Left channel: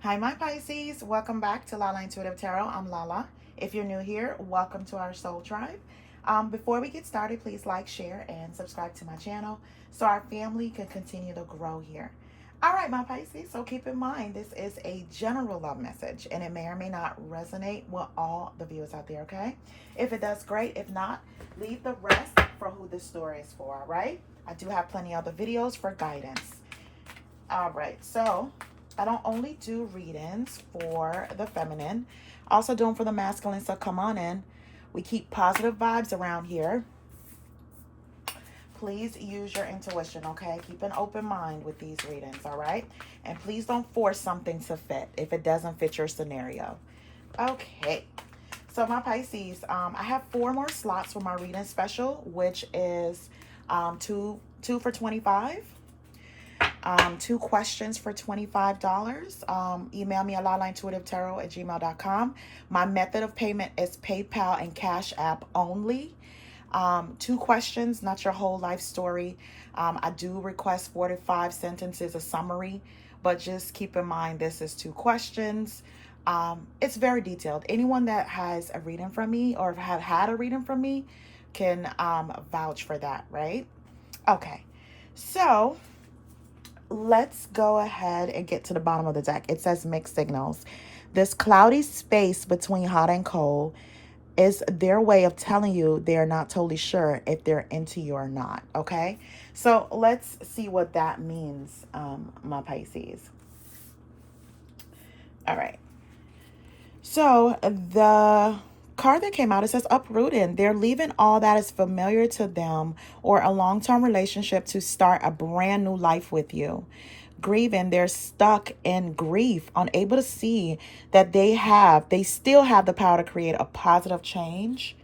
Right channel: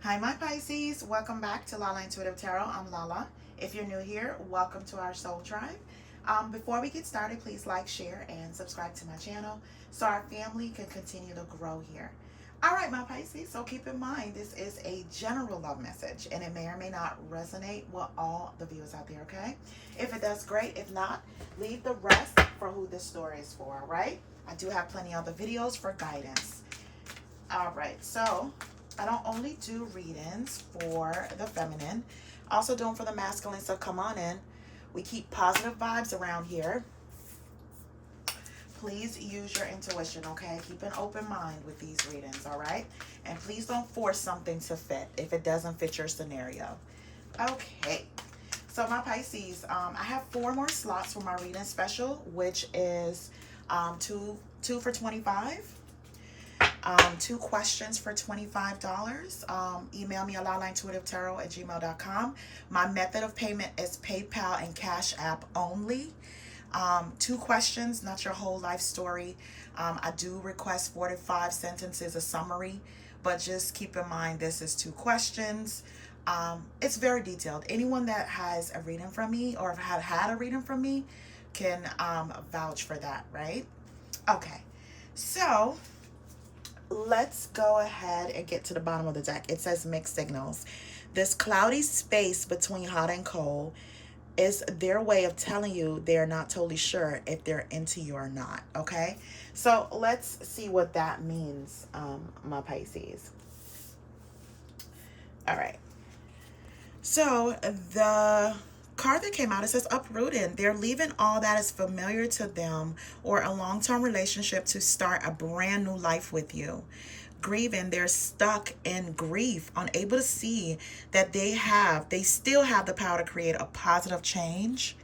Hi, my Pisces. Welcome back to Lala Intuitive Tarot. I'm Lala. If you're new here, welcome to our soul tribe. Before we get started, please like, share, and subscribe to my channel so our family can continue to grow here. All right, my Pisces. So keep in mind, this is a general love message, and it may or may not resonate with all the viewers out there, okay? If it does, great. If not, leave the rest for who this story is for, all right? I do have plenty of other videos for guidance. All right, so I don't only do readings for the feminine, also do them for the masculine, so come on in. We keep positive vibes around here. Please use your intuition, okay? Keep an open mind with these readings, all right? And please don't force something to fit if it doesn't fit your scenario. Okay, so my Pisces, I have 4 more slots for my reading special, which is two for 25. 2 questions for $25. Email me at lalaintuitivetarot@gmail.com. My method of payment is PayPal and Cash App only. 2 questions, not your whole life story. I do request 4 to 5 sentences, a summary, but just keep in mind this is 2 questions. It's very detailed. Anyone that has a reading from me or have had a reading from me can vouch for that, right? Okay, so let's go ahead and get to the bottom of the deck. It says mixed signals. This cloudy space between hot and cold is their way of telling you they're not totally sure if they're into you or not, okay? So let's see what that means, my Pisces. All right. So the card that came out, it says uprooted. They're leaving all that is familiar to them or a long-term relationship to start a brand new life with you. Grieving, they're stuck in grief, unable to see that they still have the power to create a positive change.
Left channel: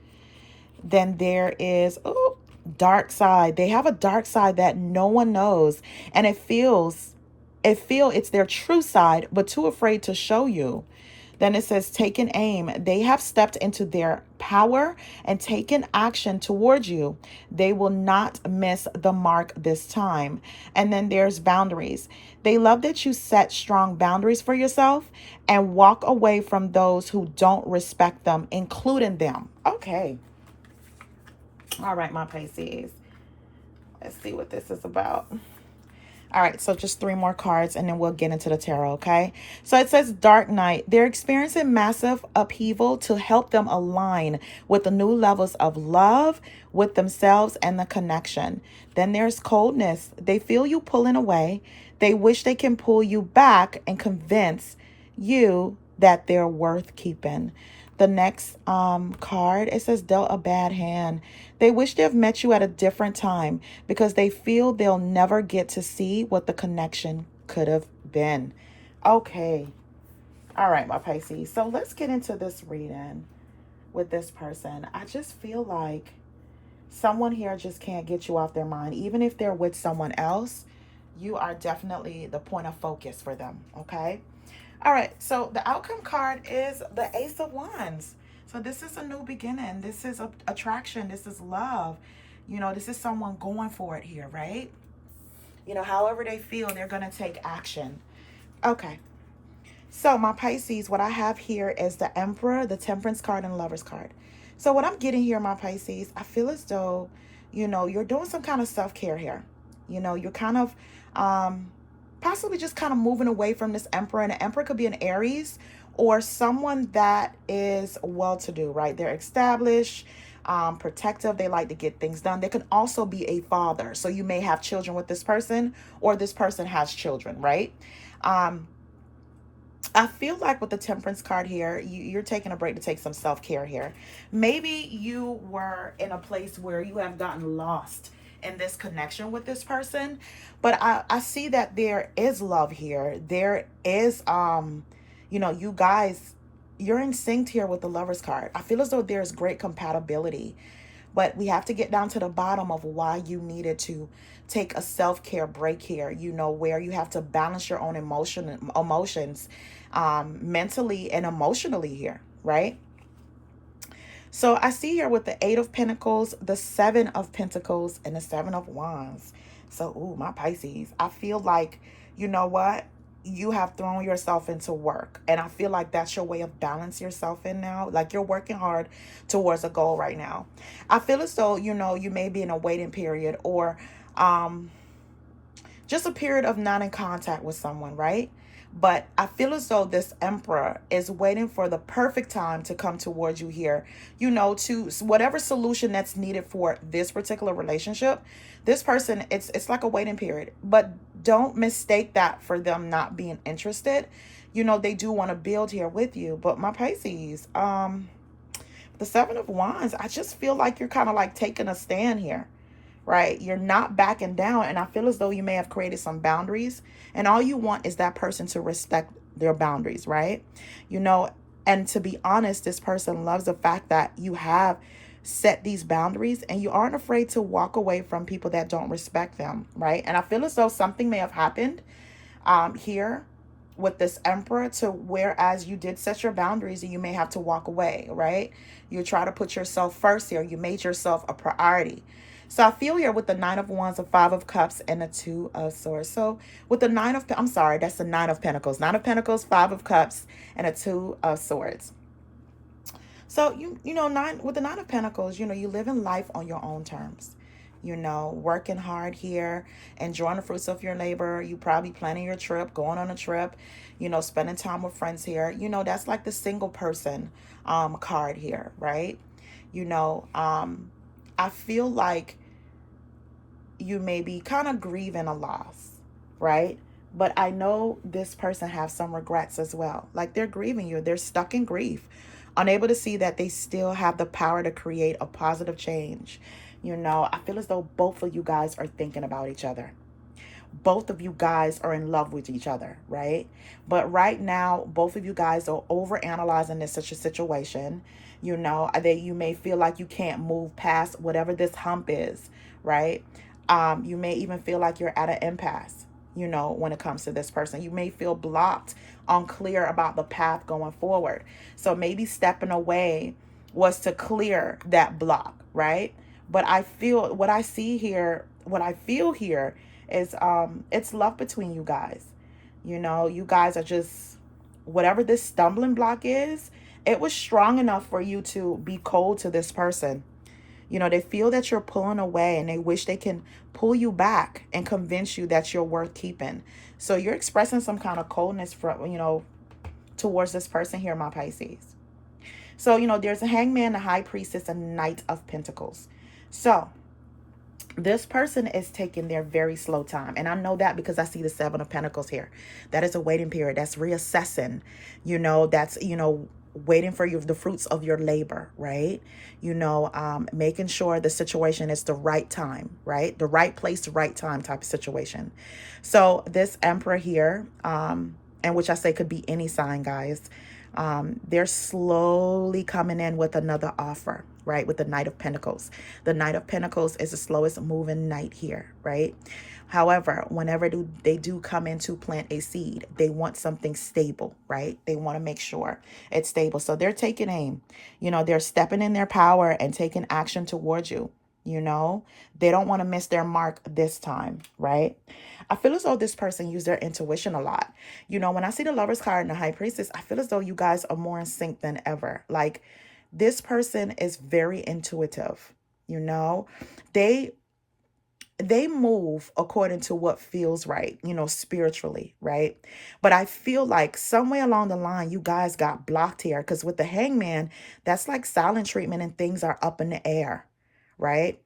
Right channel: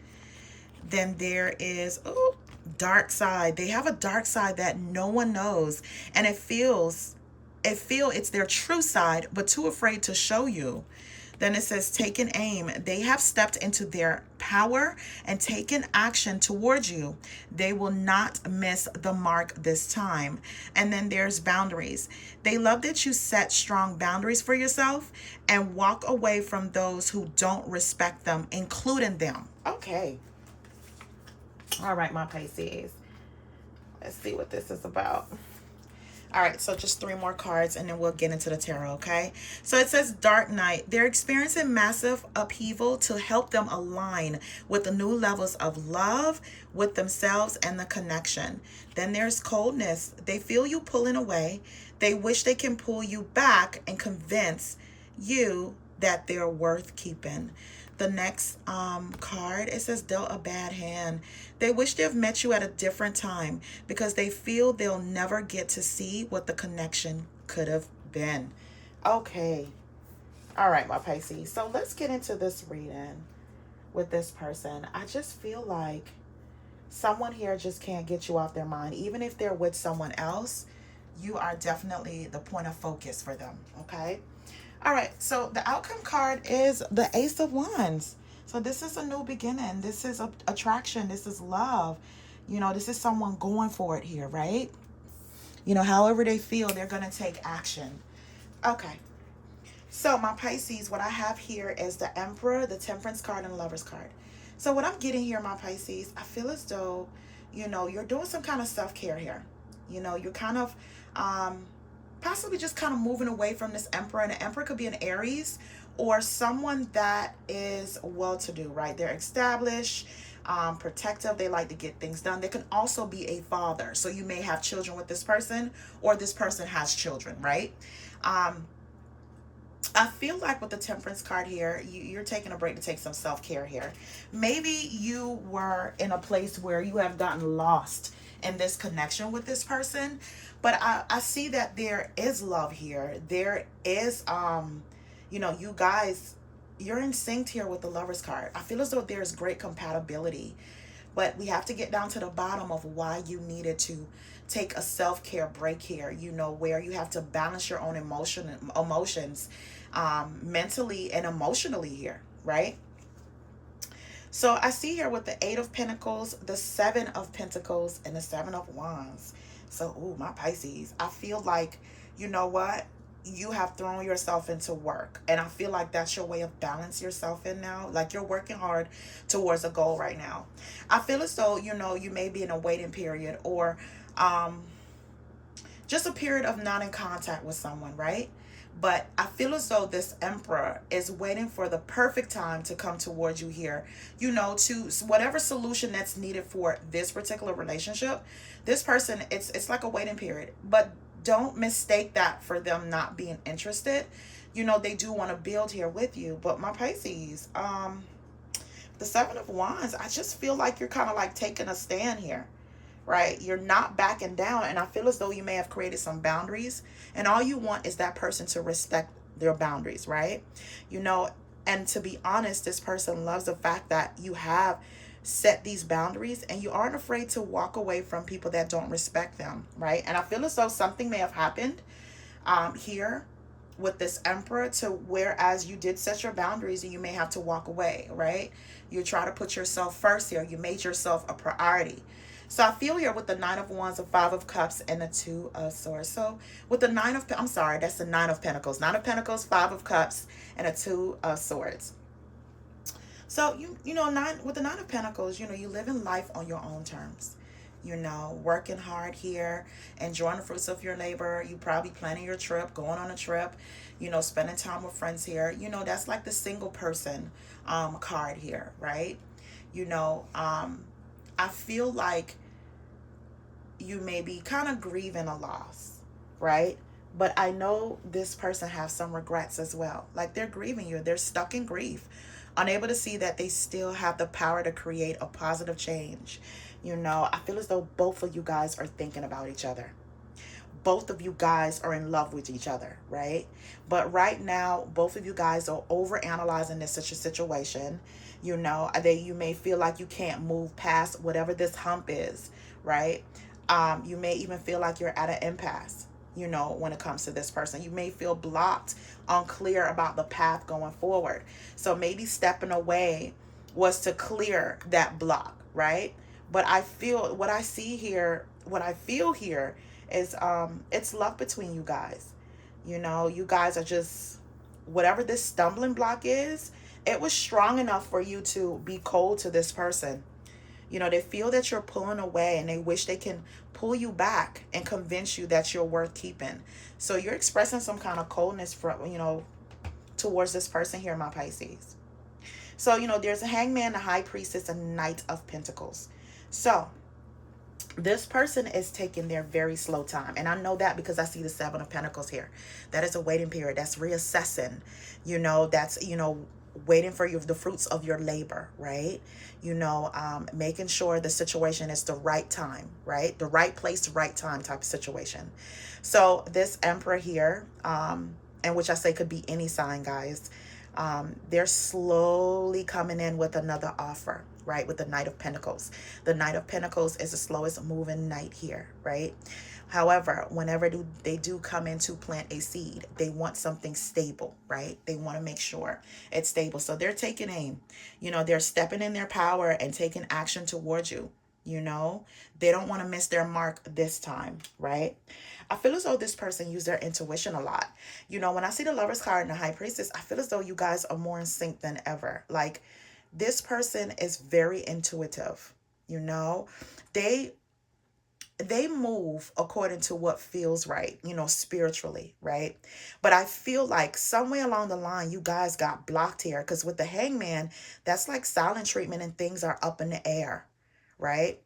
Then there is dark side. They have a dark side that no one knows, and it's their true side, but too afraid to show you. Then it says taking aim. They have stepped into their power and taken action towards you. They will not miss the mark this time. And then there's boundaries. They love that you set strong boundaries for yourself and walk away from those who don't respect them, including them. Okay. All right, my Pisces. Let's see what this is about. All right, so just 3 more cards and then we'll get into the tarot, okay? So it says Dark Night. They're experiencing massive upheaval to help them align with the new levels of love with themselves and the connection. Then there's Coldness. They feel you pulling away. They wish they can pull you back and convince you that they're worth keeping. The next card, it says Dealt a Bad Hand. They wish they've met you at a different time because they feel they'll never get to see what the connection could have been. Okay. All right, my Pisces. So let's get into this reading with this person. I just feel like someone here just can't get you off their mind. Even if they're with someone else, you are definitely the point of focus for them, okay? All right, so the outcome card is the Ace of Wands. So this is a new beginning. This is attraction. This is love. You know, this is someone going for it here, right? You know, however they feel, they're going to take action. Okay. So my Pisces, what I have here is the Emperor, the Temperance card, and the Lover's card. So what I'm getting here, my Pisces, I feel as though, you know, you're doing some kind of self-care here. You know, you're kind of possibly just kind of moving away from this Emperor. And the Emperor could be an Aries or someone that is well-to-do, right? They're established, protective. They like to get things done. They can also be a father. So you may have children with this person or this person has children, right? I feel like with the Temperance card here, you're taking a break to take some self-care here. Maybe you were in a place where you have gotten lost in this connection with this person, but I see that there is love here. There is, you know, you guys, you're in sync here with the Lover's card. I feel as though there's great compatibility, but we have to get down to the bottom of why you needed to take a self-care break here, you know, where you have to balance your own emotions mentally and emotionally here, right? So I see here with the 8 of Pentacles, the 7 of Pentacles, and the 7 of Wands. So, ooh, my Pisces, I feel like, you know what? you have thrown yourself into work, and I feel like that's your way of balancing yourself in now. Like you're working hard towards a goal right now. I feel as though, you may be in a waiting period, or um just a period of not in contact with someone, right? But I feel as though this emperor is waiting for the perfect time to come towards you here, to whatever solution that's needed for this particular relationship. This person, it's like a waiting period, but don't mistake that for them not being interested. They do want to build here with you. But my Pisces, the Seven of Wands, I just feel like you're kind of like taking a stand here, right? You're not backing down. And I feel as though you may have created some boundaries, and all you want is that person to respect their boundaries, right? You know, and to be honest, this person loves the fact that you have set these boundaries and you aren't afraid to walk away from people that don't respect them, right? And I feel as though something may have happened here with this emperor, to whereas you did set your boundaries and you may have to walk away, right? You try to put yourself first here. You made yourself a priority. So I feel here with the Nine of Wands, the Five of Cups, and the Two of Swords. So with the I'm sorry, that's the Nine of Pentacles. Nine of Pentacles, Five of Cups, and a Two of Swords. So with the Nine of Pentacles, you live in life on your own terms. Working hard here, enjoying the fruits of your labor. You probably planning your trip, going on a trip, spending time with friends here. That's like the single person card here, right? I feel like you may be kind of grieving a loss, right? But I know this person has some regrets as well. Like they're grieving you. They're stuck in grief, unable to see that they still have the power to create a positive change. I feel as though both of you guys are thinking about each other. Both of you guys are in love with each other, right? But right now, both of you guys are over analyzing this such a situation. That you may feel like you can't move past whatever this hump is, right? You may even feel like you're at an impasse, when it comes to this person. You may feel blocked, unclear about the path going forward. So maybe stepping away was to clear that block, right? But I feel what I feel here is it's love between you guys. You guys are just, whatever this stumbling block is, it was strong enough for you to be cold to this person. They feel that you're pulling away and they wish they can pull you back and convince you that you're worth keeping. So you're expressing some kind of coldness towards this person here, my Pisces. So, there's a Hangman, a High Priestess, a Knight of Pentacles. So this person is taking their very slow time. And I know that because I see the Seven of Pentacles here. That is a waiting period. That's reassessing. That's, waiting for the fruits of your labor, right? Making sure the situation is the right time, right? The right place, the right time type of situation. So this Emperor here, and which I say could be any sign, guys, they're slowly coming in with another offer, right? With the Knight of Pentacles. The Knight of Pentacles is the slowest moving knight here, right? However, whenever they do come in to plant a seed, they want something stable, right? They want to make sure it's stable. So they're taking aim. They're stepping in their power and taking action towards you. They don't want to miss their mark this time, right? I feel as though this person used their intuition a lot. When I see the Lover's card and the High Priestess, I feel as though you guys are more in sync than ever. Like this person is very intuitive. They move according to what feels right, spiritually, right? But I feel like somewhere along the line, you guys got blocked here, because with the Hangman, that's like silent treatment and things are up in the air, right?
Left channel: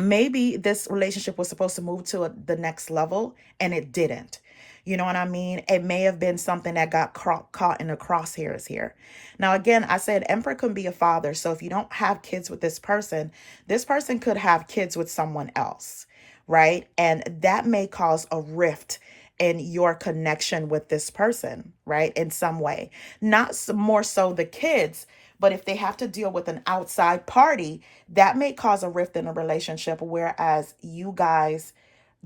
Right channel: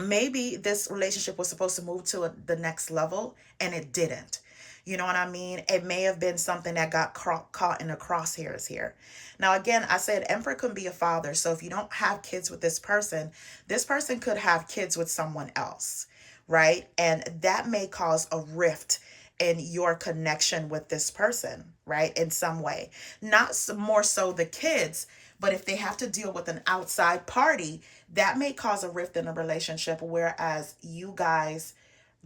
Maybe this relationship was supposed to move to the next level and it didn't. You know what I mean? It may have been something that got caught in the crosshairs here. Now, again, I said Emperor can be a father. So if you don't have kids with this person could have kids with someone else, right? And that may cause a rift in your connection with this person, right? In some way. Not more so the kids, but if they have to deal with an outside party, that may cause a rift in a relationship, whereas you guys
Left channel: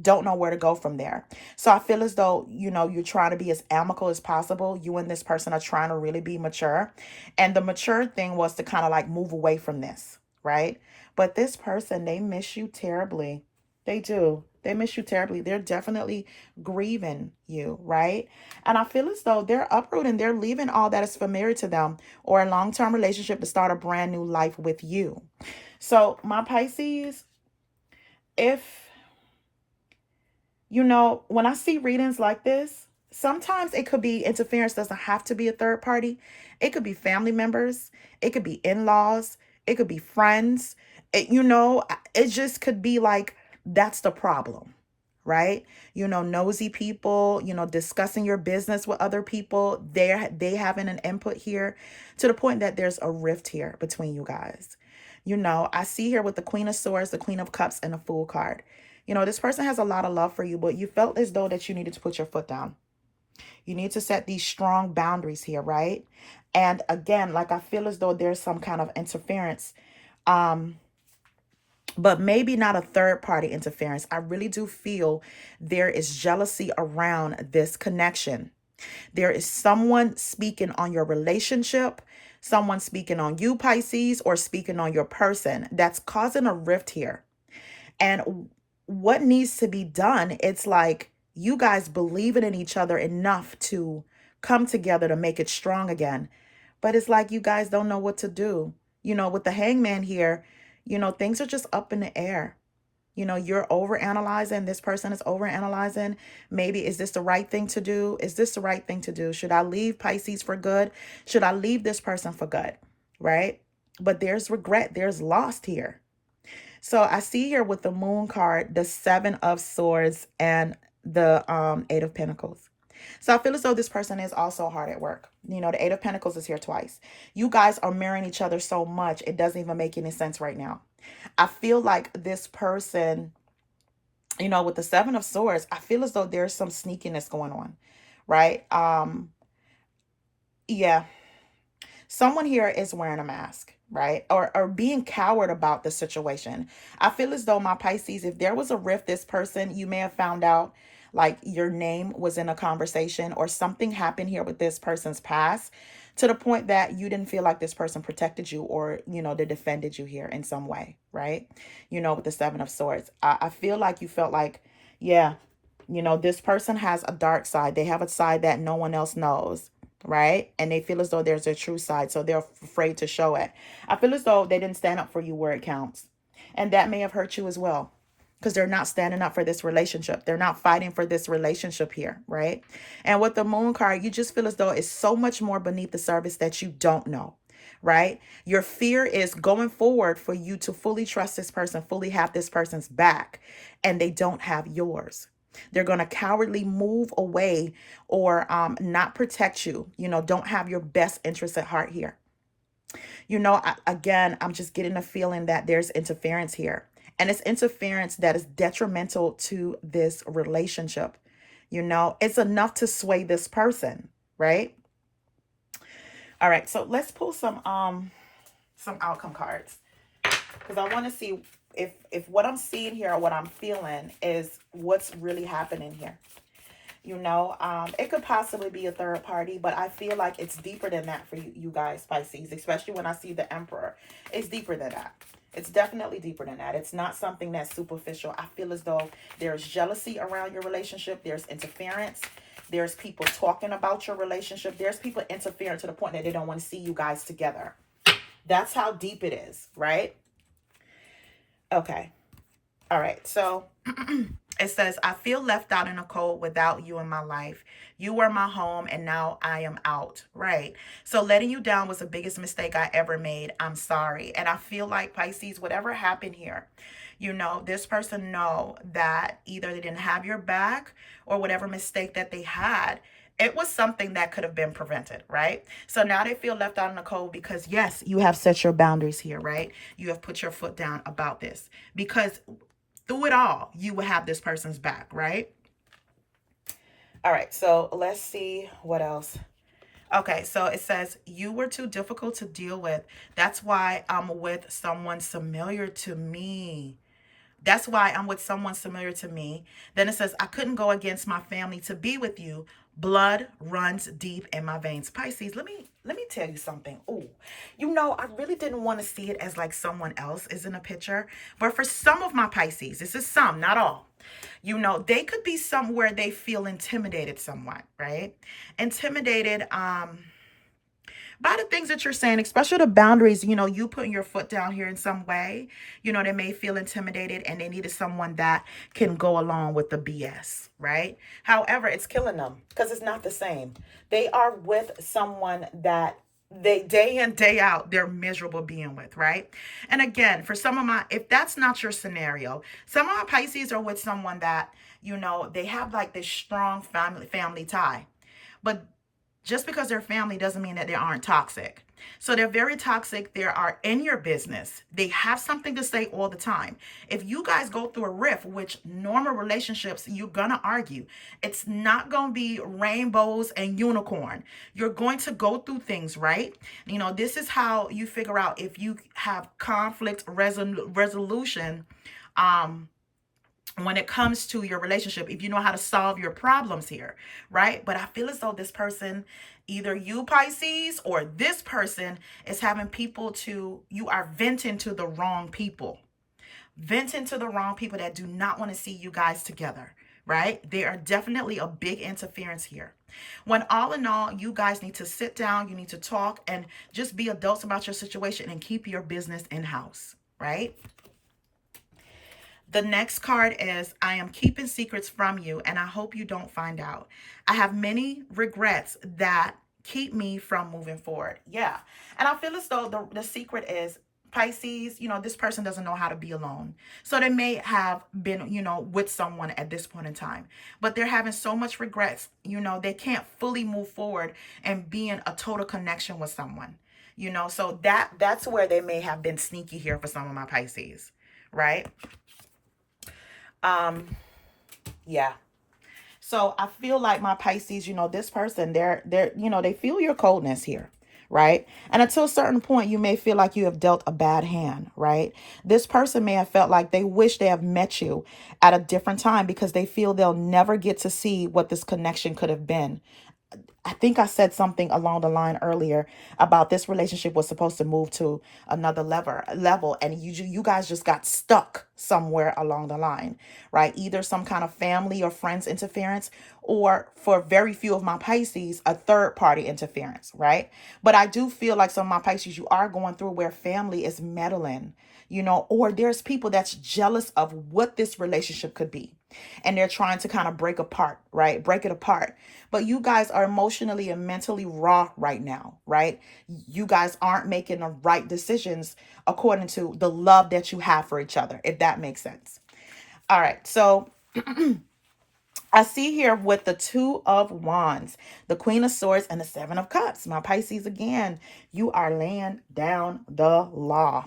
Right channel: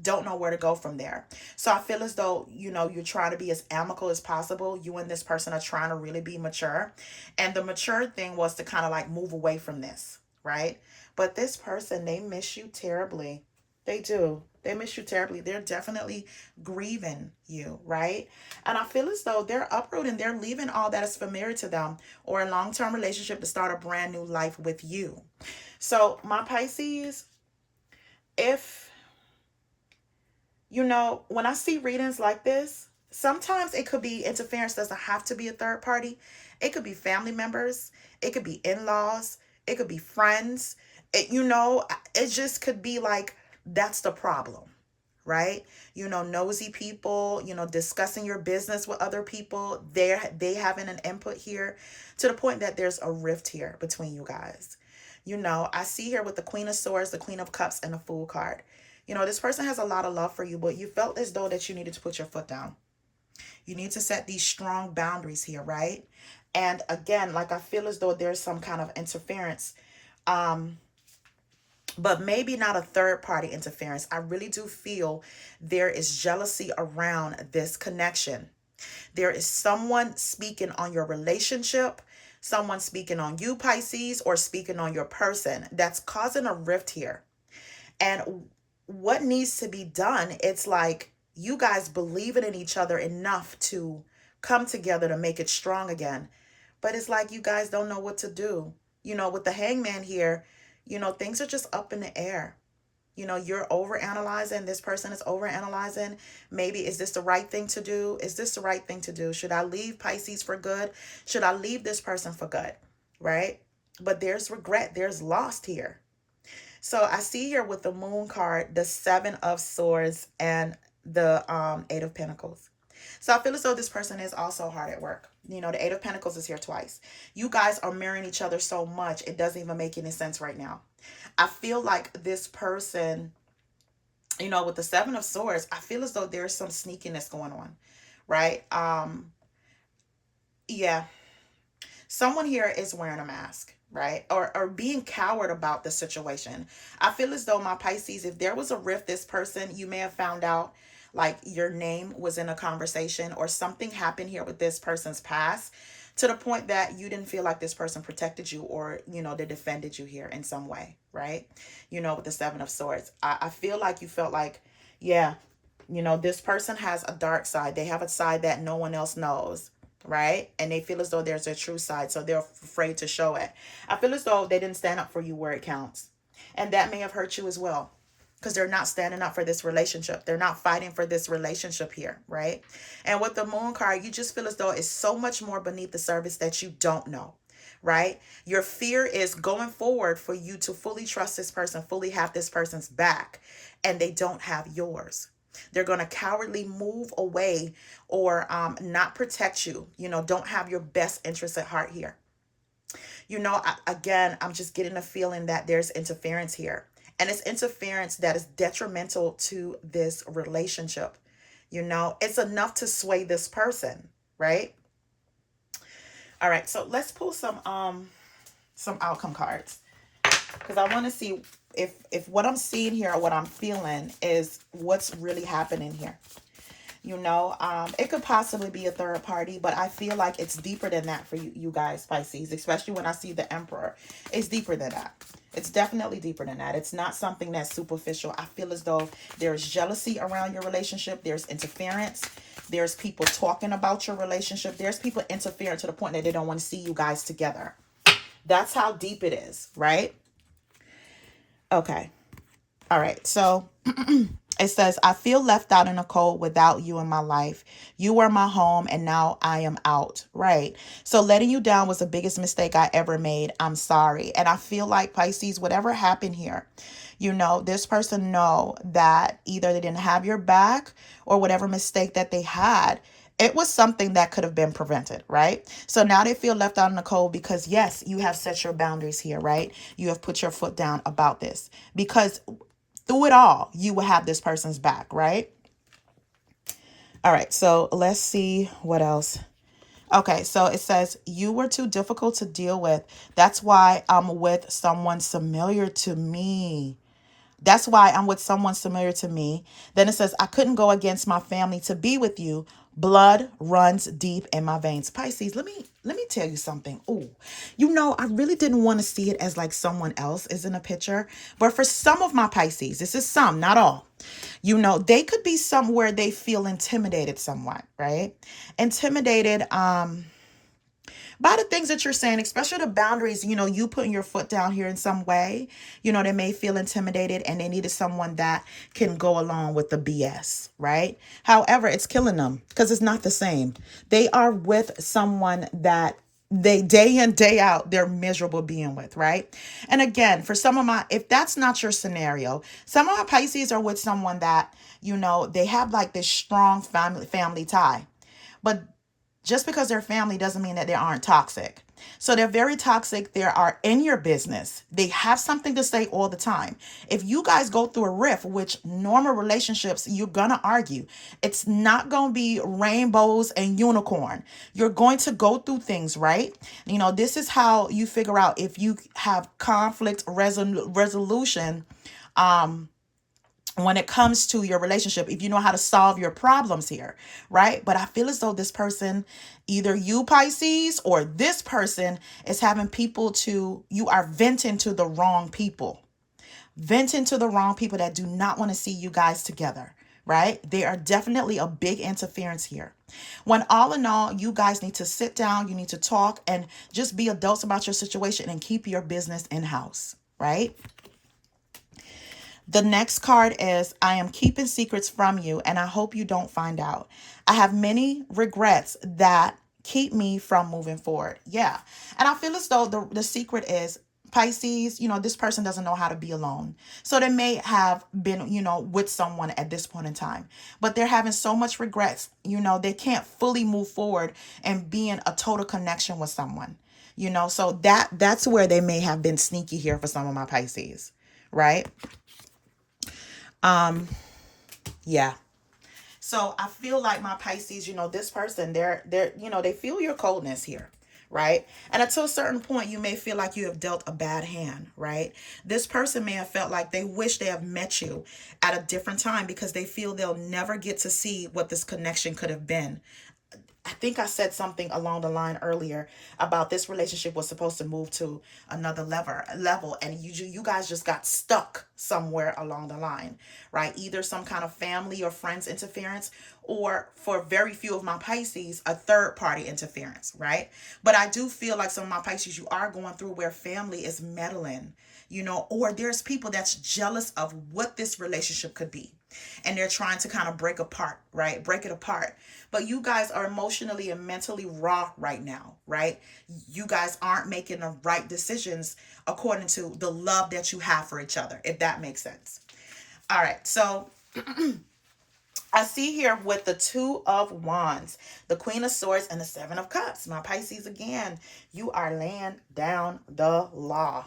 don't know where to go from there. So I feel as though, you're trying to be as amicable as possible. You and this person are trying to really be mature. And the mature thing was to kind of like move away from this, right? But this person, they miss you terribly. They do. They miss you terribly. They're definitely grieving you, right? And I feel as though they're uprooting, they're leaving all that is familiar to them or a long-term relationship to start a brand new life with you. So, my Pisces, if when I see readings like this, sometimes it could be interference, doesn't have to be a third party. It could be family members, it could be in-laws, it could be friends. It just could be like that's the problem, right? Nosy people, discussing your business with other people. They having an input here to the point that there's a rift here between you guys. I see here with the Queen of Swords, the Queen of Cups, and the Fool card. This person has a lot of love for you, but you felt as though that you needed to put your foot down. You need to set these strong boundaries here, right? And again, like I feel as though there's some kind of interference, but maybe not a third party interference. I really do feel there is jealousy around this connection. There is someone speaking on your relationship, someone speaking on you, Pisces, or speaking on your person that's causing a rift here. And what needs to be done, it's like you guys believing in each other enough to come together to make it strong again. But it's like you guys don't know what to do. With the Hangman here, things are just up in the air. You're overanalyzing. This person is overanalyzing. Maybe, is this the right thing to do? Is this the right thing to do? Should I leave Pisces for good? Should I leave this person for good? Right? But there's regret. There's lost here. So I see here with the Moon card, the Seven of Swords, and the Eight of Pentacles. So I feel as though this person is also hard at work. The Eight of Pentacles is here twice. You guys are mirroring each other so much, it doesn't even make any sense right now. I feel like this person, with the Seven of Swords, I feel as though there's some sneakiness going on, right? Yeah. Someone here is wearing a mask, right? Or being coward about the situation. I feel as though, my Pisces, if there was a rift, this person, you may have found out like your name was in a conversation or something happened here with this person's past to the point that you didn't feel like this person protected you or, they defended you here in some way, right? With the Seven of Swords, I feel like you felt like, yeah, this person has a dark side. They have a side that no one else knows, right? And they feel as though there's a true side, so they're afraid to show it. I feel as though they didn't stand up for you where it counts. And that may have hurt you as well, because they're not standing up for this relationship. They're not fighting for this relationship here, right? And with the Moon card, you just feel as though it's so much more beneath the surface that you don't know, right? Your fear is going forward for you to fully trust this person, fully have this person's back, and they don't have yours. They're going to cowardly move away or not protect you, don't have your best interests at heart here. Again, I'm just getting a feeling that there's interference here. And it's interference that is detrimental to this relationship. It's enough to sway this person, right? All right, so let's pull some outcome cards, because I want to see if what I'm seeing here or what I'm feeling is what's really happening here. It could possibly be a third party, but I feel like it's deeper than that for you guys, Pisces, especially when I see the Emperor. It's deeper than that. It's definitely deeper than that. It's not something that's superficial. I feel as though there's jealousy around your relationship. There's interference. There's people talking about your relationship. There's people interfering to the point that they don't want to see you guys together. That's how deep it is, right? Okay. All right. So it says, I feel left out in the cold without you in my life. You were my home and now I am out. Right. So letting you down was the biggest mistake I ever made. I'm sorry. And I feel like, Pisces, whatever happened here, this person know that either they didn't have your back or whatever mistake that they had, it was something that could have been prevented, right? So now they feel left out in the cold because, yes, you have set your boundaries here, right? You have put your foot down about this because through it all, you will have this person's back, right? All right, so let's see what else. Okay, so it says, you were too difficult to deal with. That's why I'm with someone familiar to me. That's why I'm with someone familiar to me. Then it says, I couldn't go against my family to be with you. Blood runs deep in my veins. Pisces, let me let me tell you something. Oh, you know, I really didn't want to see it as like someone else is in a picture. But for some of my Pisces, this is some, not all. You know, they could be somewhere they feel intimidated somewhat, right? Intimidated, by the things that you're saying, especially the boundaries, you know, you putting your foot down here in some way, you know, they may feel intimidated and they needed someone that can go along with the BS, right? However, it's killing them because it's not the same. They are with someone that they day in, day out, they're miserable being with, right? And again, for some of my, if that's not your scenario, some of my Pisces are with someone that, you know, they have like this strong family tie. But just because they're family doesn't mean that they aren't toxic. So they're very toxic. They are in your business. They have something to say all the time. If you guys go through a rift, which normal relationships, you're going to argue. It's not going to be rainbows and unicorn. You're going to go through things, right? You know, this is how you figure out if you have conflict resolution, when it comes to your relationship, if you know how to solve your problems here, right? But I feel as though this person, either you Pisces or this person is having people to, you are venting to the wrong people. Venting to the wrong people that do not want to see you guys together, right? They are definitely a big interference here. When all in all, you guys need to sit down, you need to talk and just be adults about your situation and keep your business in-house, right? The next card is, I am keeping secrets from you and I hope you don't find out. I have many regrets that keep me from moving forward. Yeah. And I feel as though the secret is Pisces, you know, this person doesn't know how to be alone. So they may have been, you know, with someone at this point in time, but they're having so much regrets, you know, they can't fully move forward and be in a total connection with someone, you know, so that's where they may have been sneaky here for some of my Pisces, right? Yeah. So I feel like my Pisces, you know, this person, they're, you know, they feel your coldness here, right? And until a certain point, you may feel like you have dealt a bad hand, right? This person may have felt like they wish they have met you at a different time because they feel they'll never get to see what this connection could have been. I think I said something along the line earlier about this relationship was supposed to move to another level, and you guys just got stuck somewhere along the line, right? Either some kind of family or friends interference, or for very few of my Pisces, a third party interference, right? But I do feel like some of my Pisces, you are going through where family is meddling, you know, or there's people that's jealous of what this relationship could be. And they're trying to kind of break apart, right? Break it apart. But you guys are emotionally and mentally raw right now, right? You guys aren't making the right decisions according to the love that you have for each other, if that makes sense. All right. So I see here with the Two of Wands, the Queen of Swords, and the Seven of Cups. My Pisces, again, you are laying down the law.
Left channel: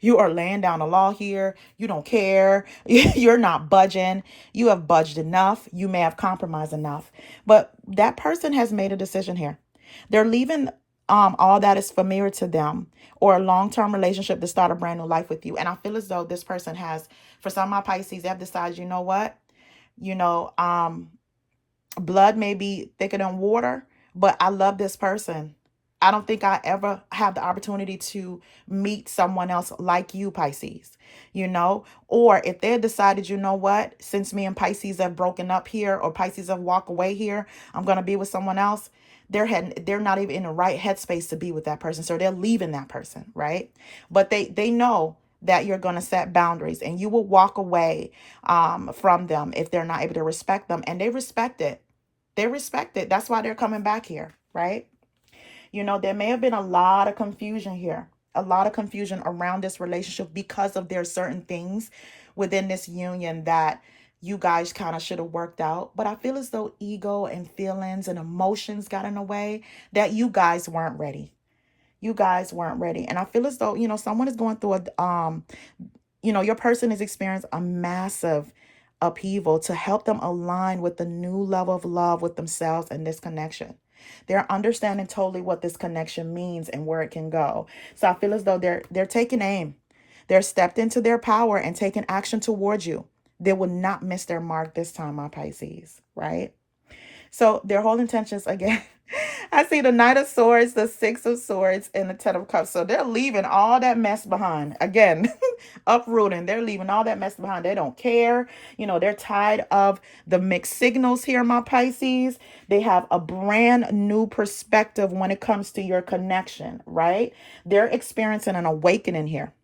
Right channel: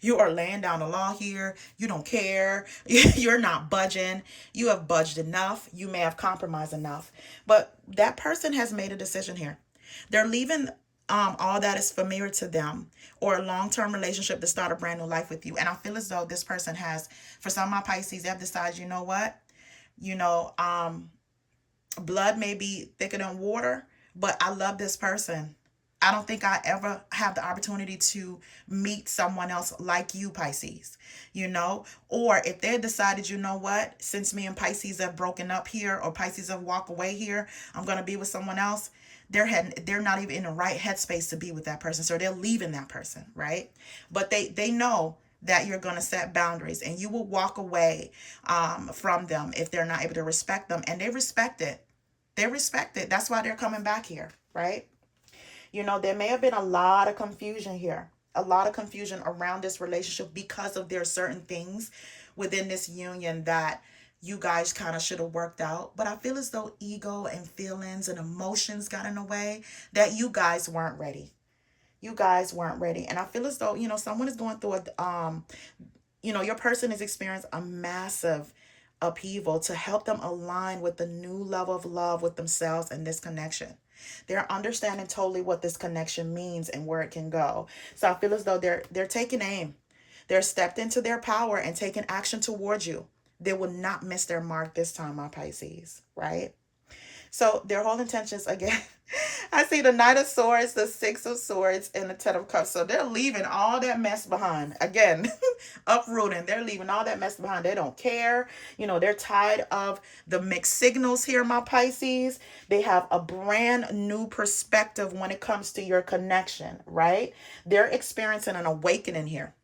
You are laying down the law here. You don't care. You're not budging. You have budged enough. You may have compromised enough. But that person has made a decision here. They're leaving all that is familiar to them or a long-term relationship to start a brand new life with you. And I feel as though this person has, for some of my Pisces, they have decided, you know what? You know, blood may be thicker than water, but I love this person. I don't think I ever have the opportunity to meet someone else like you, Pisces, you know, or if they decided, you know what, since me and Pisces have broken up here or Pisces have walked away here, I'm going to be with someone else. They're not even in the right headspace to be with that person. So they're leaving that person, right? But they know that you're going to set boundaries and you will walk away from them if they're not able to respect them. And they respect it. They respect it. That's why they're coming back here, right? You know, there may have been a lot of confusion here, a lot of confusion around this relationship because of their certain things within this union that you guys kind of should have worked out. But I feel as though ego and feelings and emotions got in the way, that you guys weren't ready. You guys weren't ready. And I feel as though, you know, someone is going through you know, your person has experienced a massive upheaval to help them align with the new level of love with themselves and this connection. They're understanding totally what this connection means and where it can go. So I feel as though they're taking aim. They're stepped into their power and taking action towards you. They will not miss their mark this time, my Pisces, right? So their whole intentions, again, I see the Knight of Swords, the Six of Swords, and the Ten of Cups. So they're leaving all that mess behind. Again, uprooting. They're leaving all that mess behind. They don't care. They're tired of the mixed signals here, my Pisces. They have a brand new perspective when it comes to your connection, right? They're experiencing an awakening here.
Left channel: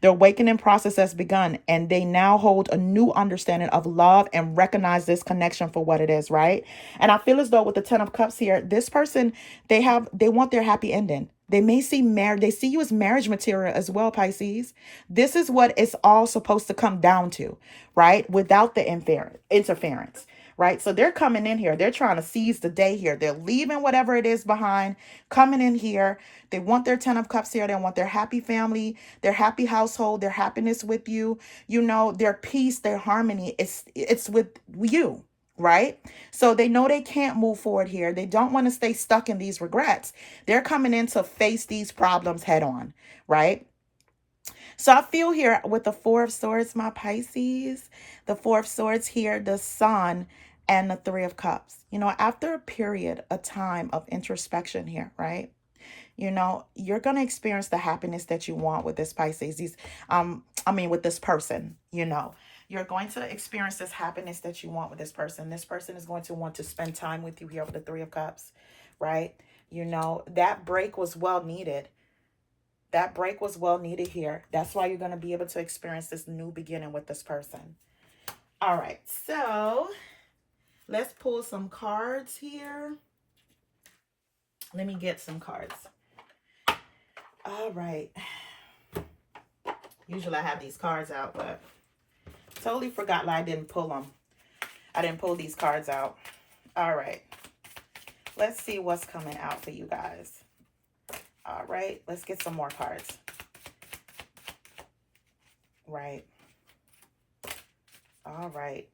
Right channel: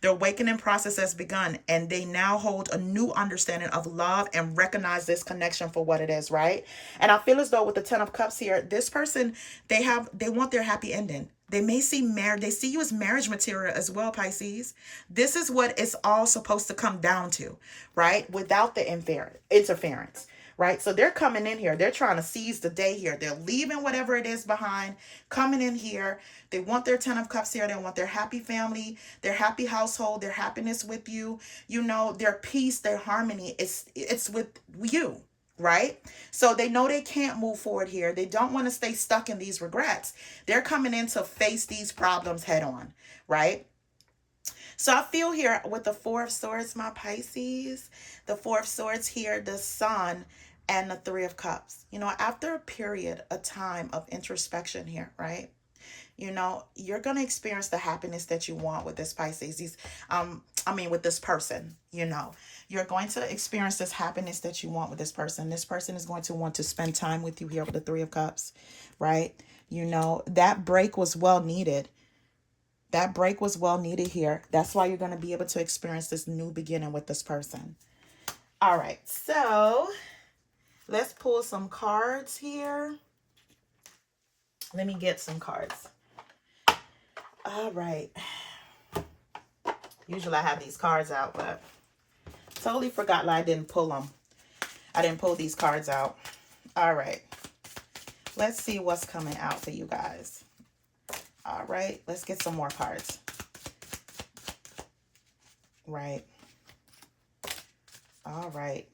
The awakening process has begun, and they now hold a new understanding of love and recognize this connection for what it is, right? And I feel as though with the Ten of Cups here, this person, they want their happy ending. They may see marriage, they see you as marriage material as well, Pisces. This is what it's all supposed to come down to, right? Without the interference. Right? So they're coming in here. They're trying to seize the day here. They're leaving whatever it is behind, coming in here. They want their Ten of Cups here. They want their happy family, their happy household, their happiness with you, their peace, their harmony. It's with you, right? So they know they can't move forward here. They don't want to stay stuck in these regrets. They're coming in to face these problems head on, right? So I feel here with the Four of Swords, my Pisces, the Four of Swords here, the Sun, and the Three of Cups. After a period, a time of introspection here, right? You're going to experience the happiness that you want with this Pisces. With this person, you're going to experience this happiness that you want with this person. This person is going to want to spend time with you here with the Three of Cups, right? That break was well needed. That break was well needed here. That's why you're going to be able to experience this new beginning with this person. All right, so let's pull some cards here. Let me get some cards. All right. Usually I have these cards out, but totally forgot I didn't pull them. I didn't pull these cards out. All right. Let's see what's coming out for you guys. All right. Let's get some more cards. Right. All right.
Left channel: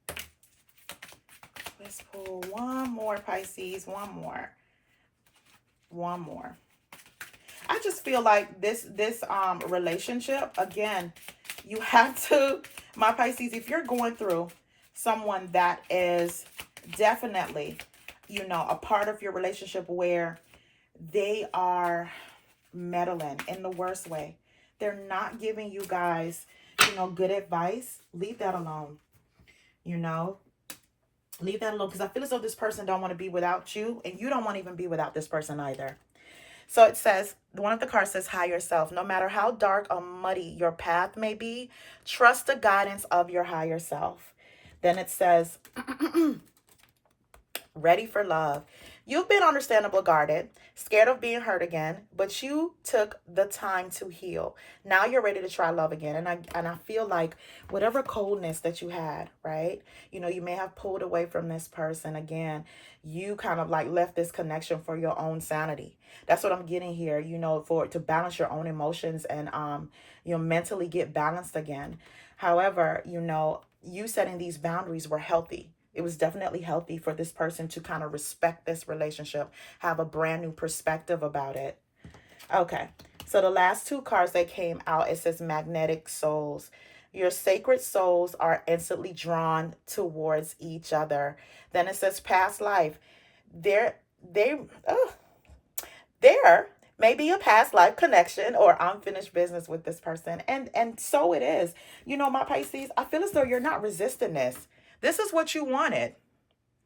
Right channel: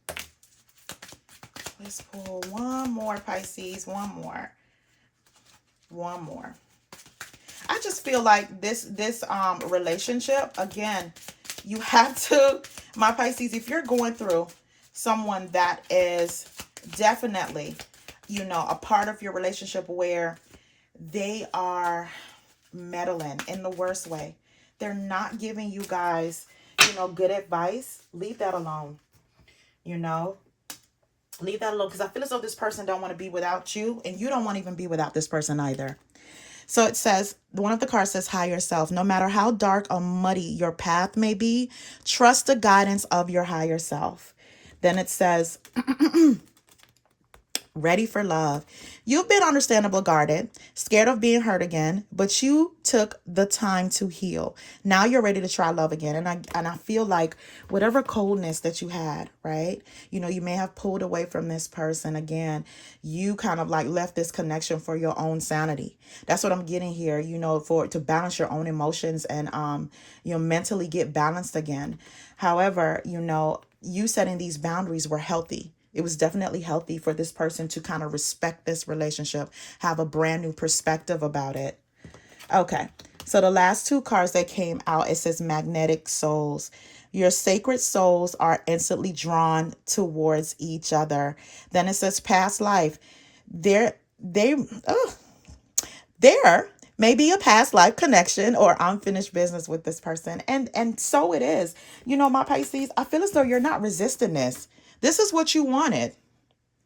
Let's pull one more, Pisces. One more. I just feel like this relationship, again, you have to, my Pisces, if you're going through someone that is definitely, a part of your relationship where they are meddling in the worst way, they're not giving you guys, good advice, leave that alone. Leave that alone, because I feel as though this person don't want to be without you, and you don't want to even be without this person either. So it says, one of the cards says, higher self. No matter how dark or muddy your path may be, trust the guidance of your higher self. Then it says, ready for love. You've been understandably guarded, scared of being hurt again, but you took the time to heal. Now you're ready to try love again. And I feel like whatever coldness that you had, right? You may have pulled away from this person again. You kind of like left this connection for your own sanity. That's what I'm getting here, to balance your own emotions and mentally get balanced again. However, you setting these boundaries were healthy. It was definitely healthy for this person to kind of respect this relationship, have a brand new perspective about it. Okay, so the last two cards that came out, it says magnetic souls. Your sacred souls are instantly drawn towards each other. Then it says past life. There may be a past life connection or unfinished business with this person. And so it is. My Pisces, I feel as though you're not resisting this. This is what you wanted.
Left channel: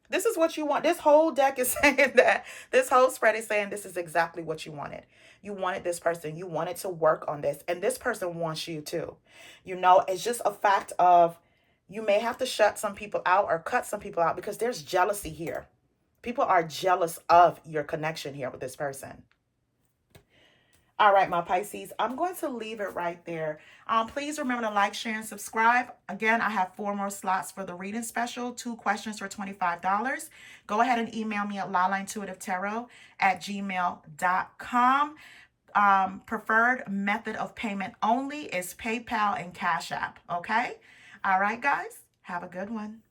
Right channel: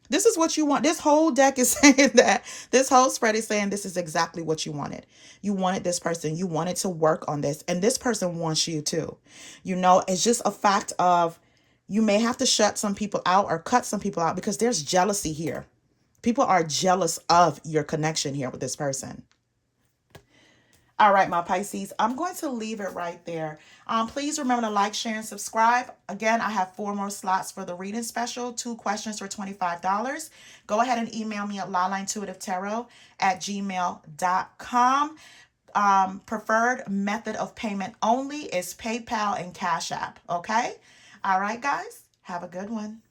This is what you want. This whole deck is saying that. This whole spread is saying this is exactly what you wanted. You wanted this person. You wanted to work on this. And this person wants you too. It's just a fact of you may have to shut some people out or cut some people out because there's jealousy here. People are jealous of your connection here with this person. All right, my Pisces, I'm going to leave it right there. Please remember to like, share, and subscribe. Again, I have 4 more slots for the reading special, 2 questions for $25. Go ahead and email me at lalaintuitivetarot@gmail.com. Preferred method of payment only is PayPal and Cash App, okay? All right, guys, have a good one.